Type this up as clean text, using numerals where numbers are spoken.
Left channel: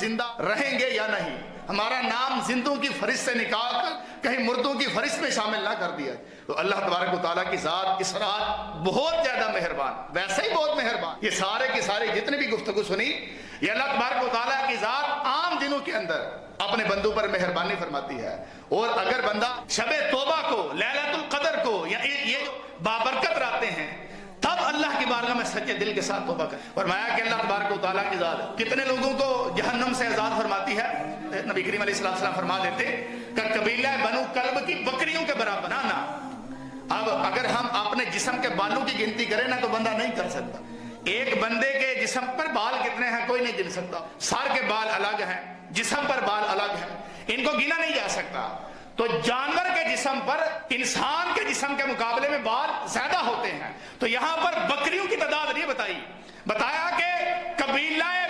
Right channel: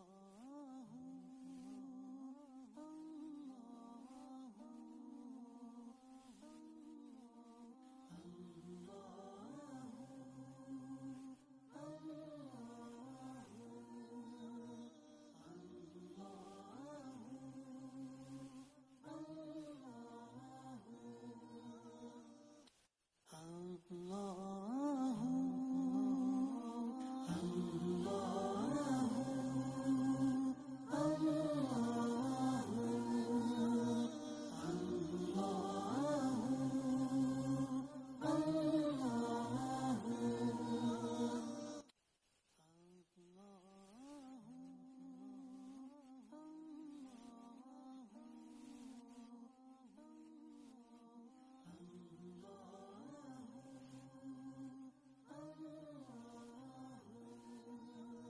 زندہ رہیں گے یا نہیں، ہمارا نام زندوں کی فہرست سے نکال کر کہیں مردوں کی فہرست میں شامل نہ کر دیا۔ تو اللہ تبارک و تعالیٰ کی ذات اس رات بہت زیادہ مہربان، ویسے ہی بہت مہربان۔ یہ سارے کے سارے جتنے بھی گفتگو سنی، یہ اللہ تبارک و تعالیٰ کی ذات عام دنوں کے اندر اپنے بندوں پر مہربانی فرماتی ہے۔ اور اگر بندہ شب توبہ کو، لیلۃ القدر کو، یا یہ جو بابرکت راتیں ہیں، تب اللہ کی بارگاہ میں سچے دل کے ساتھ توبہ کریں۔ فرمایا کہ اللہ تبارک و تعالیٰ کی ذات کتنے لوگوں کو جہنم سے آزاد فرماتی ہے؟ نبی کریم علیہ السلام فرما دیتے کہ قبیلہ بنو کلب کی بکریوں کے برابر بنانا۔ اب اگر ہم اپنے جسم کے بالوں کی گنتی کریں نا تو بندہ نہیں کر سکتا۔ ایک بندے کے جسم پر بال کتنے ہیں کوئی نہیں گن سکتا۔ سر کے بال الگ ہیں، جسم پر بال الگ ہیں، ان کو گنا نہیں جا سکتا۔ تو جانور کے جسم پر انسان کے جسم کے مقابلے میں بال زیادہ ہوتے ہیں۔ تو یہاں پر بکریوں کی تعداد نہیں بتائی، بتایا کہ قبیلہ